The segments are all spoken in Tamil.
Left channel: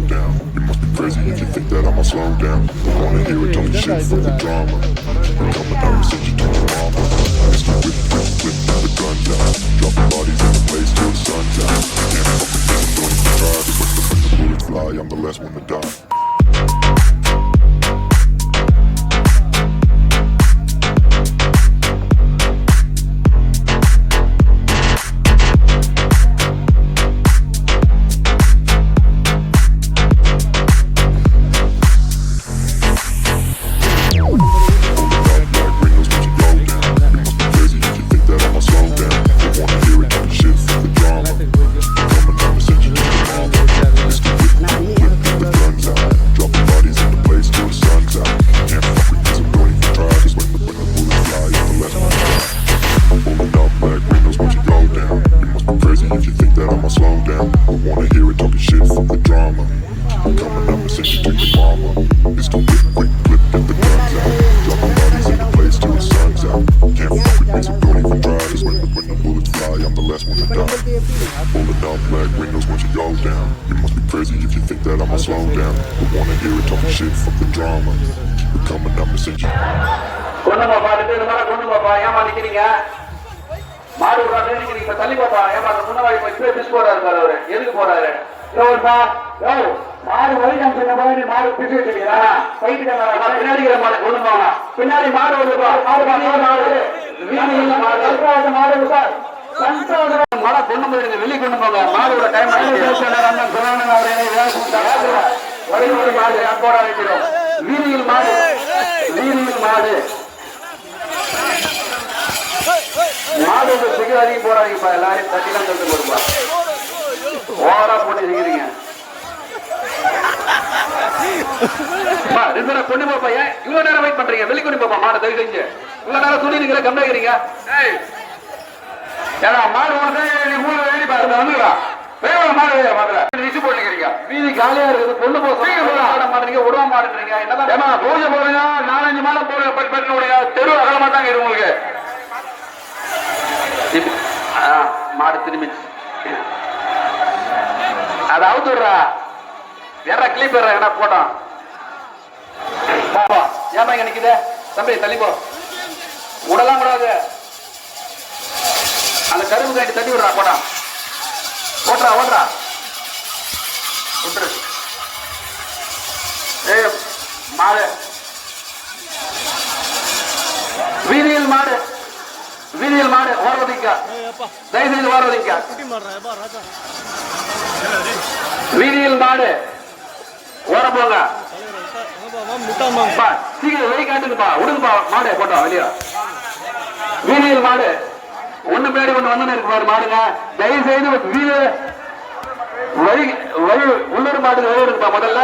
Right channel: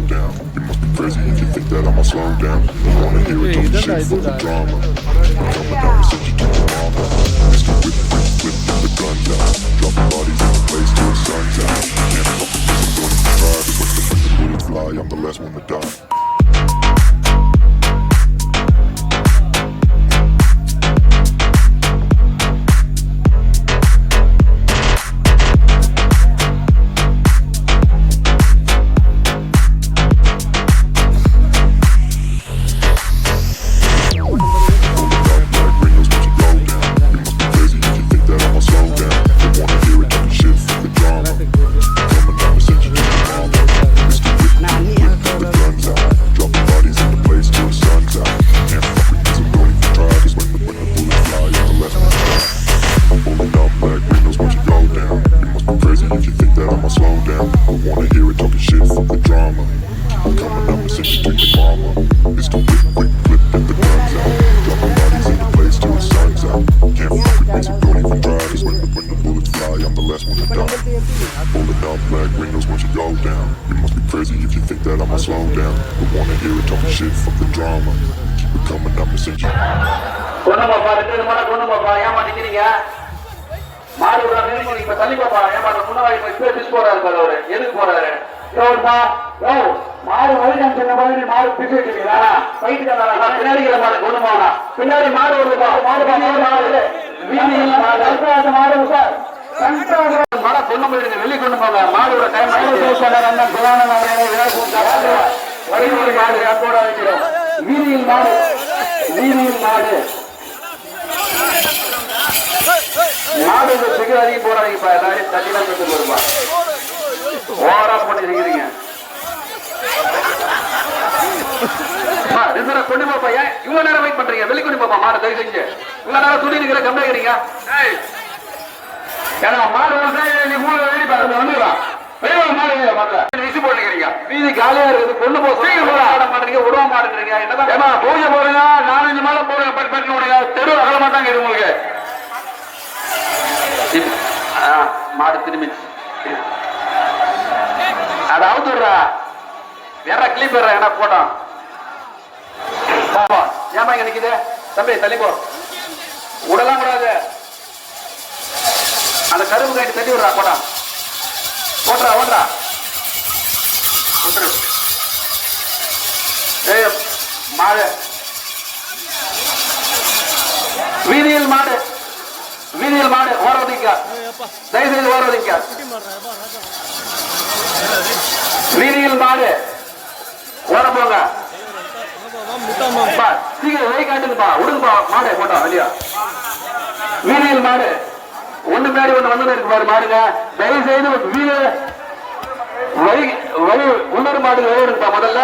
go down. You must be crazy if you think that I'ma slow down. Don't wanna hear it, talking shit for the drama. It coming, I'ma send you to your mama. Mr. Whip, whip, whip, get the guns out. Dropping bodies in the place till the sun's out. Can't fuck with this, I'm don't even try. When the bullets fly, I'm the last one to die. இப்ப தள்ளி பாப்பா ஏமா அந்த முன்னாடி போய் பிஸ் போறாரு அவரு. எதுக்கு போறாரு யோ மாடு வலிக்கம் சொன்ன நீ மாடு போயிட்டு பின்னாடி மாடு ஒண்ணு போனா பின்னாடி மாடு வருதுப்பா மாடு மாடு மாடு. சார் மழை கொண்டு போயிடுங்க வெளியே கொண்டு போங்க. மாடு விட டைம் வழிமுறை மாடு. வீதியில் மாடு. வீதியில் மாடு. மாடு சிகர் அதிகம் போறாதீங்கப்பா எல்லாரையும் தட்டிலாம் தந்து போடுப்பா ஓவரா போட்டு இருக்கிறீங்க கொண்டு போப்பா ஏன் இவ்வளவு நேரம் வெயிட் பண்றீங்க வெளியே கொண்டு போப்பா மாடு தயவு செஞ்சு இவ்வளவு நேரம் துணி இருக்கிற கம்மியாகிறீங்க ஏன்னா மாடு நீ மூணு வேண்டி பார்த்து வந்துக்கலாம் வேற மாடு மாடு விசு போட்டுக்கிறீங்க மீதி காலியா இருக்குது கொண்டு போ ஆட மாட்டீங்க விட மாட்டேங்கிறீங்க என்னதான் பூஜை போடுங்க நாலஞ்சு மாதம் போடுங்க தெரு அகலமா தாங்க இது உங்களுக்கு மாடு திரும்பி அதை அவுத்துடுறா. வேற கிளிப் ஏன்னா போட்டோம் ஏமா இங்க நிக்குது? தம்பி தள்ளி போ விடலாம் கூடாது அந்த கரும்பு காட்டி தள்ளி விடுறா போட்டா ஓட்டுறா ஓட்டுறா. விட்டுரு. ஏய் மாடு. வீதியில் மாடு. வீதியில் மாடு ஓரவதிக்க தயவு செய்து ஓரவதிக்க வீதியில் மாடு ஓர போங்க பா, சீக்கிரம் வெளியே காட்டுங்கப்பா விடுங்கப்பா மாடு போட்டா வெளியா. வீதியில் மாடு ஒண்ணு பின்னாடி ஒண்ணு ஒண்ணு இருக்கு பாரு மாடுங்க. தயவு செய்து வீடு வழி வழி உள்ளூர் மாடு வெளியே இருக்குப்பா முதல்ல.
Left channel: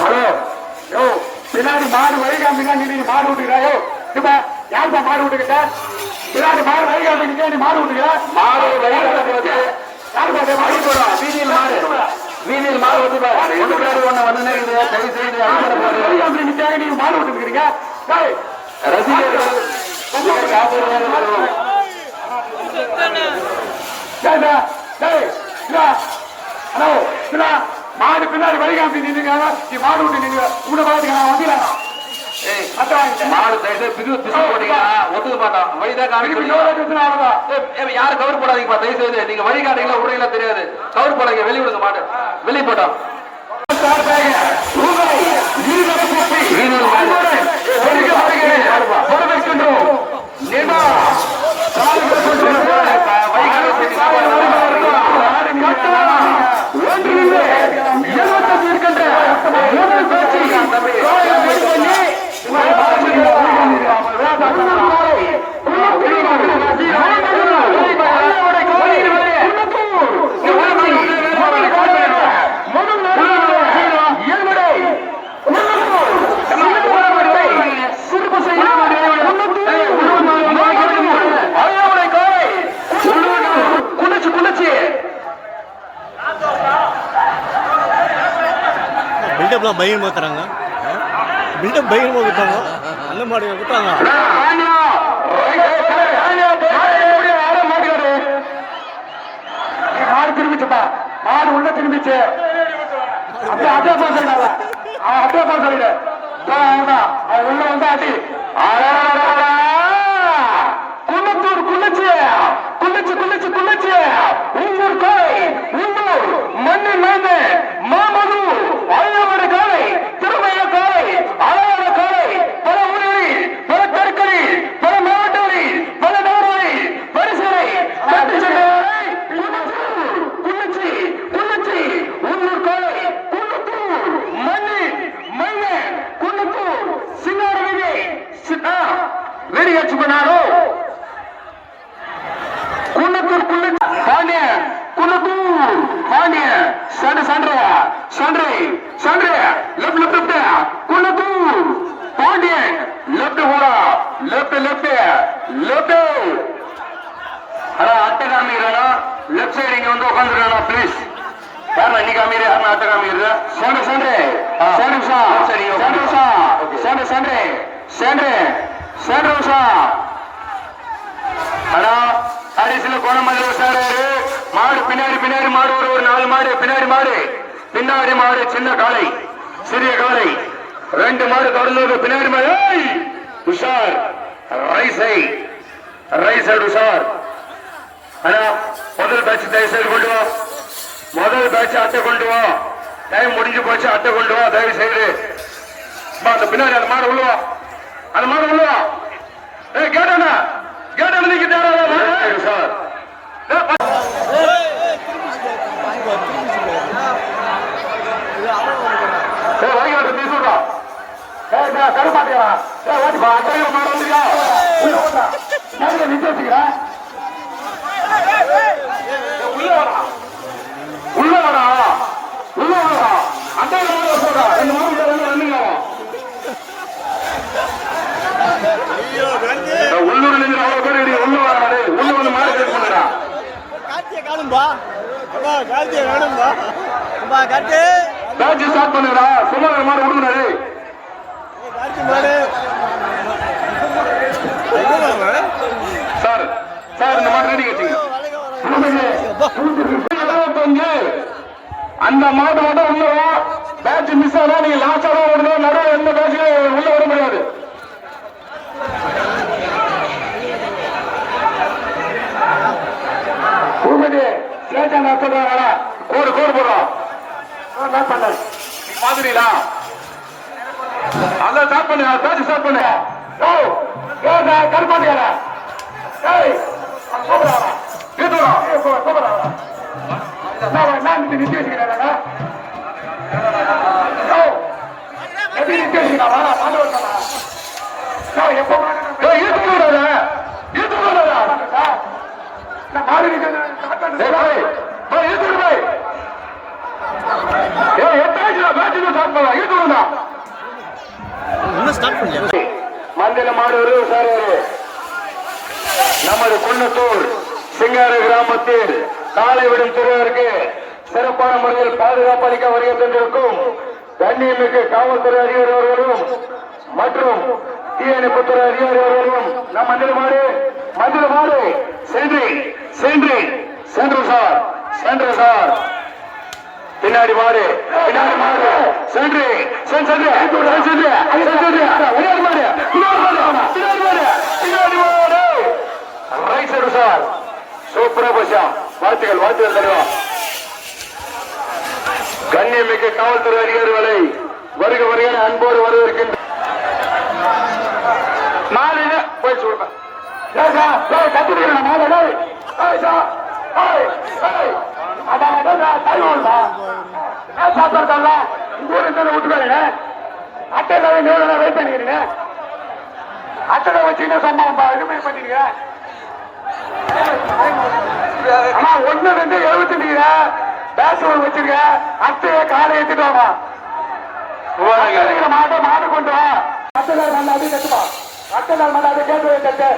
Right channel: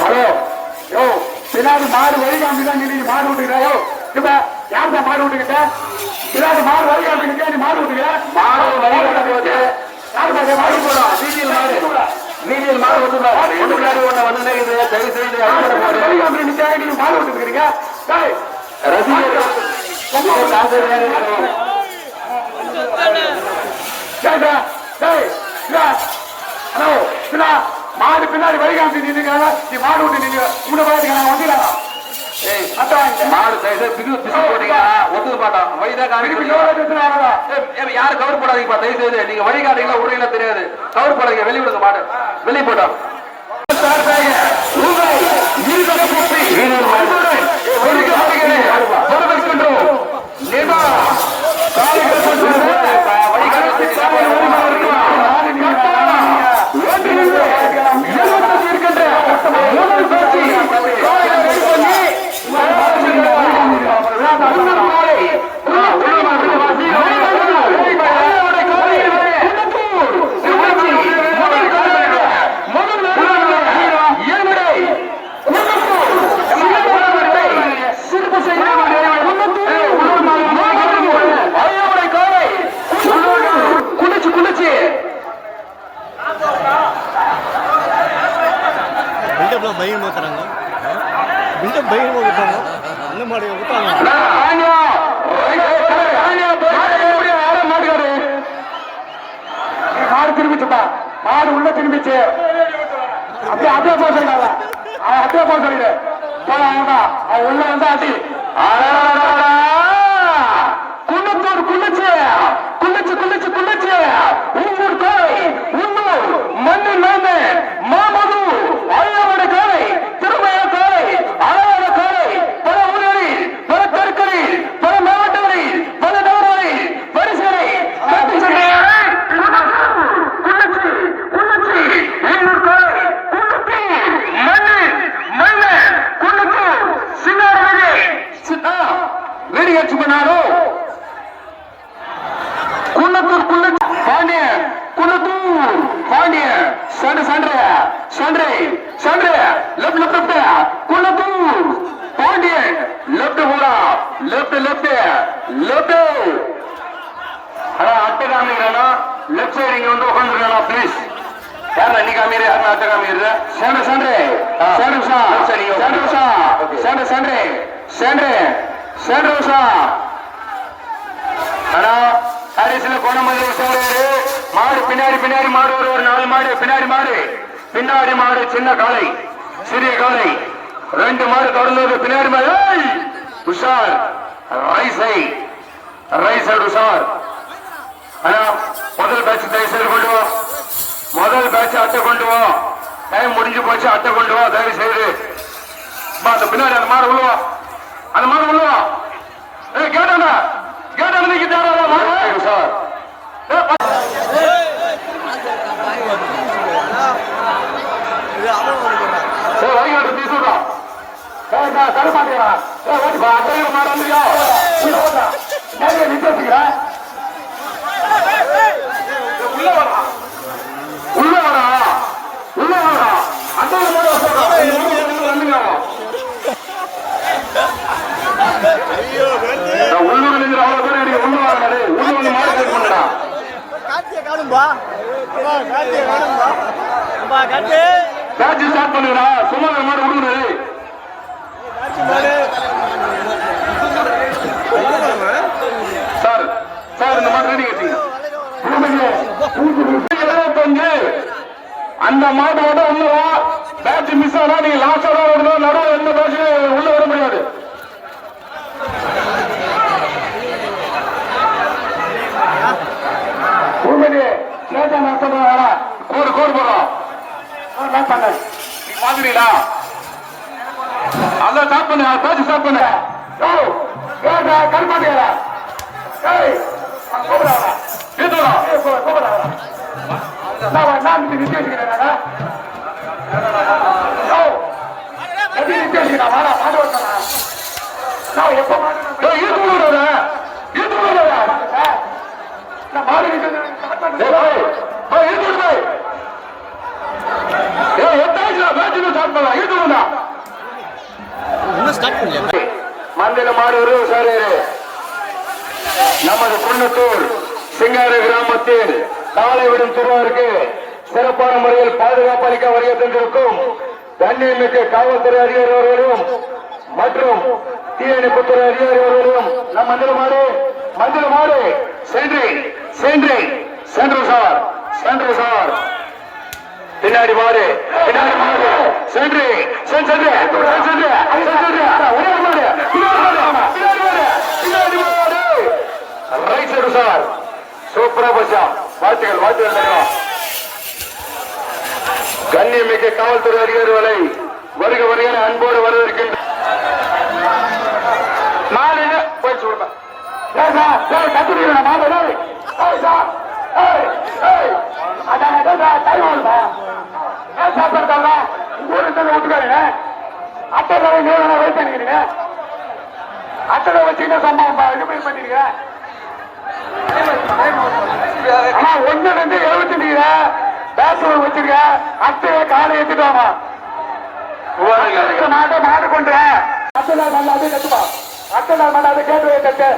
ஹலோ யோ பின்னாடி மாடு வழிகாமி தான் நீ மாடு விட்டுக்கிறா யோ இப்ப யாருப்பா மாடு விட்டுக்கிட்ட பின்னாடி மாடு வழிகாமி நீ மாடு விட்டுக்கிற மாடு வீதியில் மாடு. வந்து மாடு. விட்டுக்கிறீங்க டேய், ரசிகர்கள் மாடு பின்னாடி நின்னுங்க நீ மாடு விட்டு நீங்க உங்களை பாருங்க நான் வந்துடுறேன். தயவு பிரிவு ஒத்துக்க மாட்டான். வழிதான் யாரும் கவர் போடாதீங்கப்பா, தயவு செய்து. நீங்க வழி காட்டுறீங்களா, விடுறீங்களா தெரியாது. கவர் போடாதீங்க, வெளிய விடுங்க மாடு. வெளிய போட்டோம். பில்டப்லாம் பையன் போத்துறாங்க பில்டப் பையன் அந்த மாதிரி விட்டாங்க மாடு உள்ள திரும்பிச்சு. அப்படியே அதே போக அவன் அதே சொல்லிடு. அவன் உள்ள வந்து அடி. குன்னத்தூர் குள்ளச்சி குள்ளச்சி குள்ளச்சி குள்ளச்சி உங்கூர் கோய் வெடி பண்ணாலும் குன்னத்தூர் குள்ள பாண்டியன் குன்னத்தூர். பாண்டியன் சண்டை சண்டை. சண்டை சண்டை. Left left left Kunnathur. Pandian left போடா லெப்ட் லெப்ட் லெப்ட் அட்டை காமிக்கிறா லெஃப்ட் சைடு இங்க வந்து உட்காந்துருக்கா ப்ளீஸ் யாரா நீ காமிரு யாரா அட்டை காமிக்கிறது சண்டை சண்டை. சண்டை சண்டை. சண்டை சண்டை சண்டை. சண்டை சா அடா அரிசில மாதிரி விசாரணை மாடு பின்னாடி பின்னாடி மாடு ஒரு நாலு மாடு பின்னாடி மாடு பின்னாடி மாடு சின்ன காலை சிறிய காலை ரெண்டு மாடு தொடர்ந்து பின்னாடி மாடு உஷார். ரைசை ரைசை உஷார். அண்ணா முதல் பேட்ச் தயவு செய்து கொண்டு வா. முதல் பேட்ச் அத்தை கொண்டு வா. டைம் முடிஞ்சு போச்சு அத்தை கொண்டு வா. தயவு செய்து. பின்னாடி அந்த மாடு உள்ளவா அந்த மாடு உள்ளவா கேட்டாங்க நீங்க தேவை சார் இது அவன் வந்து போடுறான் ஏய் வழிகாட்டு நீ சொல்றா ஏய் நான் தர மாட்டேங்கிறா ஏய் ஓடி பா அட்டையில மாடு வந்துயா உள்ள ஓட்டா நிறைய நிக்க வச்சுக்கிறேன் உள்ள வரா உள்ள வரா உள்ள வரா அட்டையில மாடு வச்சுக்கா இந்த மாடு உள்ள வந்துங்க ஐயோ கார்த்தி உள்ள நின்று அவ்வளவு பேர் இடி உள்ள வரா டேய் உள்ள வந்து மாடு கேட்க பண்ணுடா கார்த்தியை காணும்பா. அப்பா கார்த்தியை காணும்பா. அப்பா கார்த்தி. பேட்ச் ஸ்டார்ட் பண்ணுடா மாடு விடுங்க டேய். கார்த்தி மாடு சார் சார் இந்த மாதிரி கட்டிங்க அந்த மாட்டோட உள்ளவா பேட்ச் மிஸ் ஆனா நீங்க லாஸ்டா தான் வரணும் நடுவில் எந்த பேட்ச் உள்ள வர முடியாது பூமதி ஸ்டேஷன் நடத்துறா கோடு கோடு போடுறோம் நீ பாக்குறீங்களா அதான் ஸ்டார்ட் பண்ணு பேட்ச் ஸ்டார்ட் பண்ணு ஓ ஓ நான் கருப்பாட்டு வரேன் ஏய் கூப்பிடா நீத்துடா கூப்பிடா நான் நான் நிக்க எப்படி நிக்க வச்சுக்கிறேன் ஏய் ஈத்து விடுறா ஈத்து விடுறா நான் மாடு நிக்கிறேன் ஏய் ஏய் ஈத்து விடு போய் ஏய் எத்தாச்சுடா பேட்ச் ஸ்டார்ட் பண்ணலாம் ஈத்து விடுடா இன்னும் ஸ்டார்ட் பண்ணலையா மந்திர மாடு உஷாரேரு நமது குன்னத்தூர் சிங்கார கிராமத்தில் காலை விடும் சிறுவருக்கு சிறப்பான முறையில் பாதுகாப்பு அளிக்க வருகை தந்திருக்கும் தண்ணீருக்கு காவல்துறை அதிகாரிகளும் மற்றும் தீயணைப்புத்துறை அதிகாரிகளும் நம் மந்திர மாடு மந்திர மாடு சென்று சார் சென்று சார். பின்னாடி மாறு பின்னாடி மாறு சென்று சென்று சென்று பின்னாடி மாறு ரைட் சைடு சார். சூப்பரா பச்சா? வாழ்த்துக்கள் வாழ்த்துக்கள் கண்ணியமிக்க காவல்துறை அதிகாரிகளை வருக வருகிற அன்போடு வரவேற்கின்ற மாலையில போய் சொல்றேன் கத்திரிக்கிற மாமலை அட்டை வச்சு சம்பவம் இனிமேல் பண்ணிருக்க ஆனா ஒண்ணு ரெண்டு எழுபத்தஞ்சுங்க பேசுவது வச்சிருக்க அத்தைய காலை ஏத்திட்டு அத்தை கேட்டு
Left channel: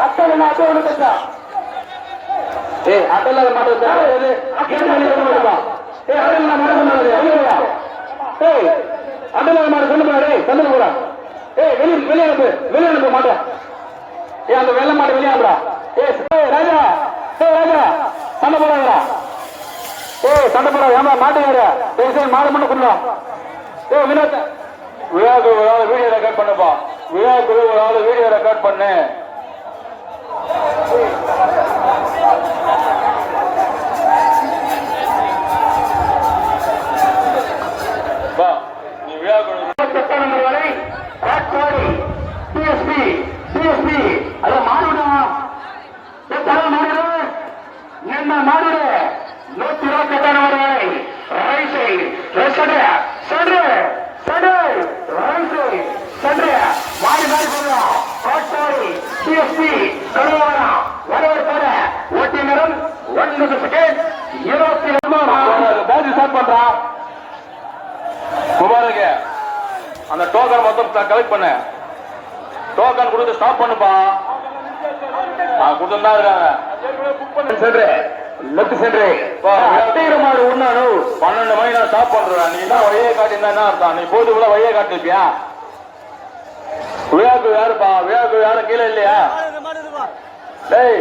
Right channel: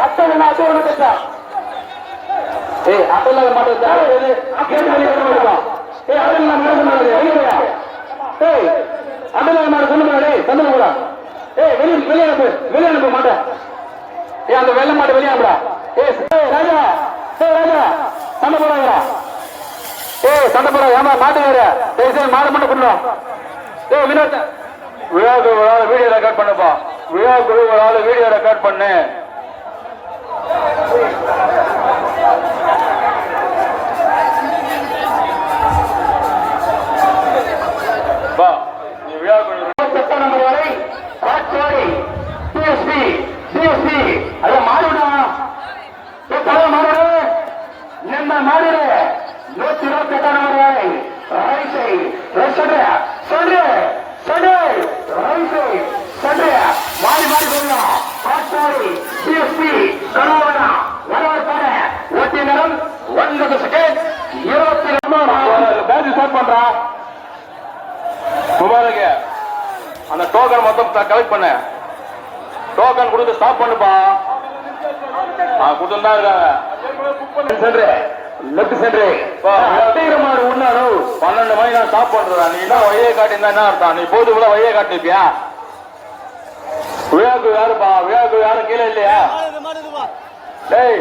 அத்தை அத்தை ஒண்ணு கட்டா ஏய் வெளியே வருவா ஏய் அட்டல மாடு கொண்டு வெளியே வா ஏய் அட்டல மாடு கொண்டு கொண்டு போடா. ஏய் வெளிய வெளிய அனுப்பு. வெளிய அனுப்ப ஏய் அந்த வெள்ள மாடு வெளிய அனுப்புடா. ஏய் ஏய், ராஜா. ஏய் ராஜா. கொண்டு போறாங்கடா ஏய் சண்டை போட. ஏமா மாட்டு வேற பேசி மாடு மட்டும் கொள்ளும் ஏய் வினோத். விழாக்கு ஒரு ஆள் வீடியோ ரெக்கார்ட் பண்ணுப்பா. விழாக்கு ஒரு ஆள் வீடியோ ரெக்கார்ட் பண்ணு வா நீ விழாக்கு நம்பர் வரை காட்சாடி டிஎஸ்பி டிஎஸ்பி அத மாடுடா ஏ தர மாடு என்ன மாடு நூத்தி இருபத்தி எட்டாம் நம்பர் வரை ரைட் சைடு சென்று சென்று சென்று. ரைட் சைடு சென்று. மாறி மாறி கருவாரா ஒன்பது செகண்ட் இருபத்தி ரெண்டு பேசி ஸ்டார்ட் பண்றான் முபாரக் அந்த டோக்கன் மொத்தம் கலெக்ட் பண்ண. டோக்கன் கொடுத்து ஸ்டாப் பண்ணுப்பா. கொடுத்துட்டா இருக்காங்க சென்று. லெஃப்ட் உண்ணாரு பன்னெண்டு மணி நான் ஸ்டாப் பண்றேன் நீ என்ன வழியை காட்டியிருந்தா என்ன அர்த்தம்? நீ போது கூட வழியை காட்டிருப்பியா விழாக்கு யாருப்பா? விழாக்கு யாரும் கீழே இல்லையா? டேய்